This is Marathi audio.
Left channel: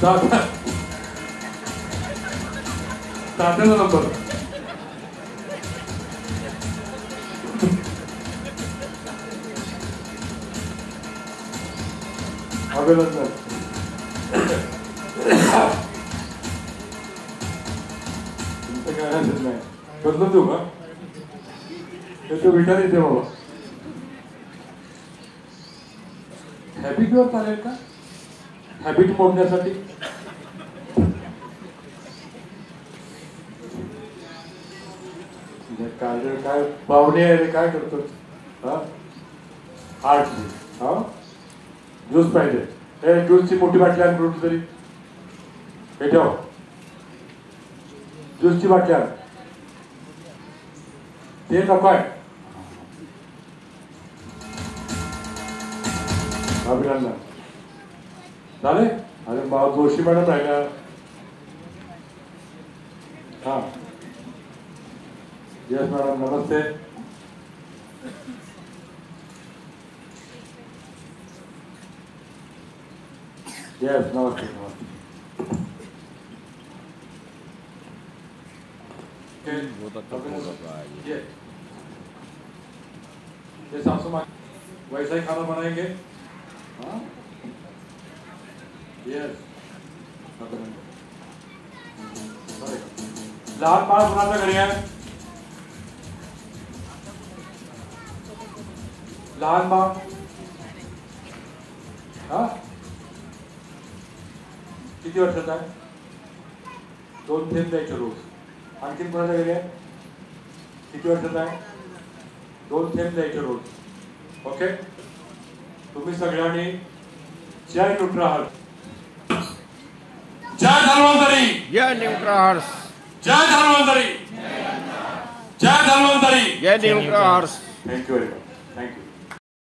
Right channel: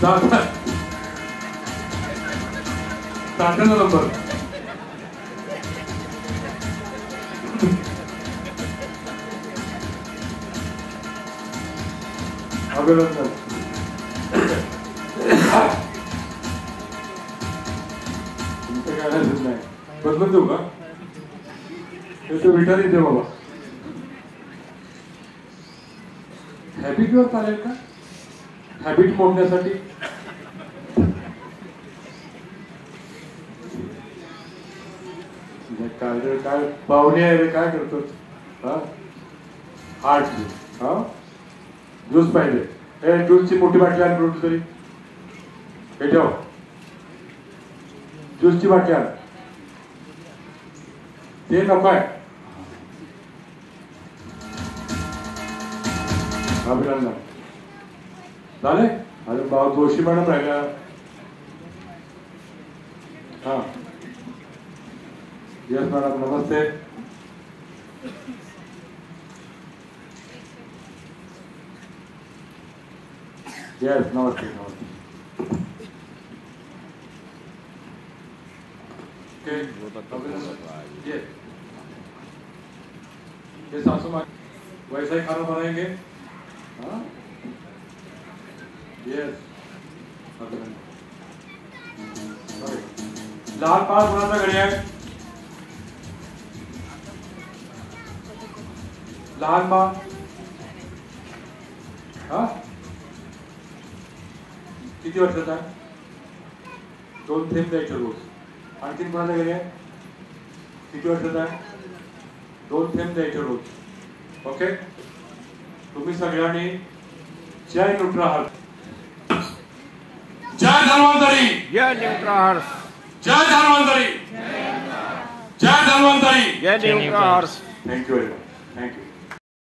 7 नंबर अभिनंदन. तुमचं काय हरकत नाही. बदलून देऊ का? तो विचार येते बाबा. हॅबिटवर चालेल का? हॅबिट मोडण्यासाठी काय पाहुणे आहे रे, काय करतो? आठ ज्यूस पाहिजे. हे ज्यूसची मोठी बाटली आण कुठली तरी. हे ठेव, ज्यूसची बाटली आण. ते नको आहे. अभिनंदन झाले. अरे बाबा जोशी मॅडम राहिल्या. हा यस मॅडम नमस्ते. यस नमस्ते नमस्ते. ये सासू माँ वैसा ही खाना बनाएंगे. यस लहान बाळ कोणाच्या घरी आहे? लहान बाळ किती वर्षाचा आहे? 2 थेंब द्यायचे रोज. आणखीन कोणाच्या घरी आहे? किती वर्षाचा आहे? 2 थेंब द्यायचे रोज. ओके. तुम्ही सगळ्यांनी जय न्यूट्राहर्स. जय धन्वंतरी. जय न्यूट्राहर्स. जय धन्वंतरी. जय धन्वंतरी. जय Nutraherbs. Thank you very much. Thank you.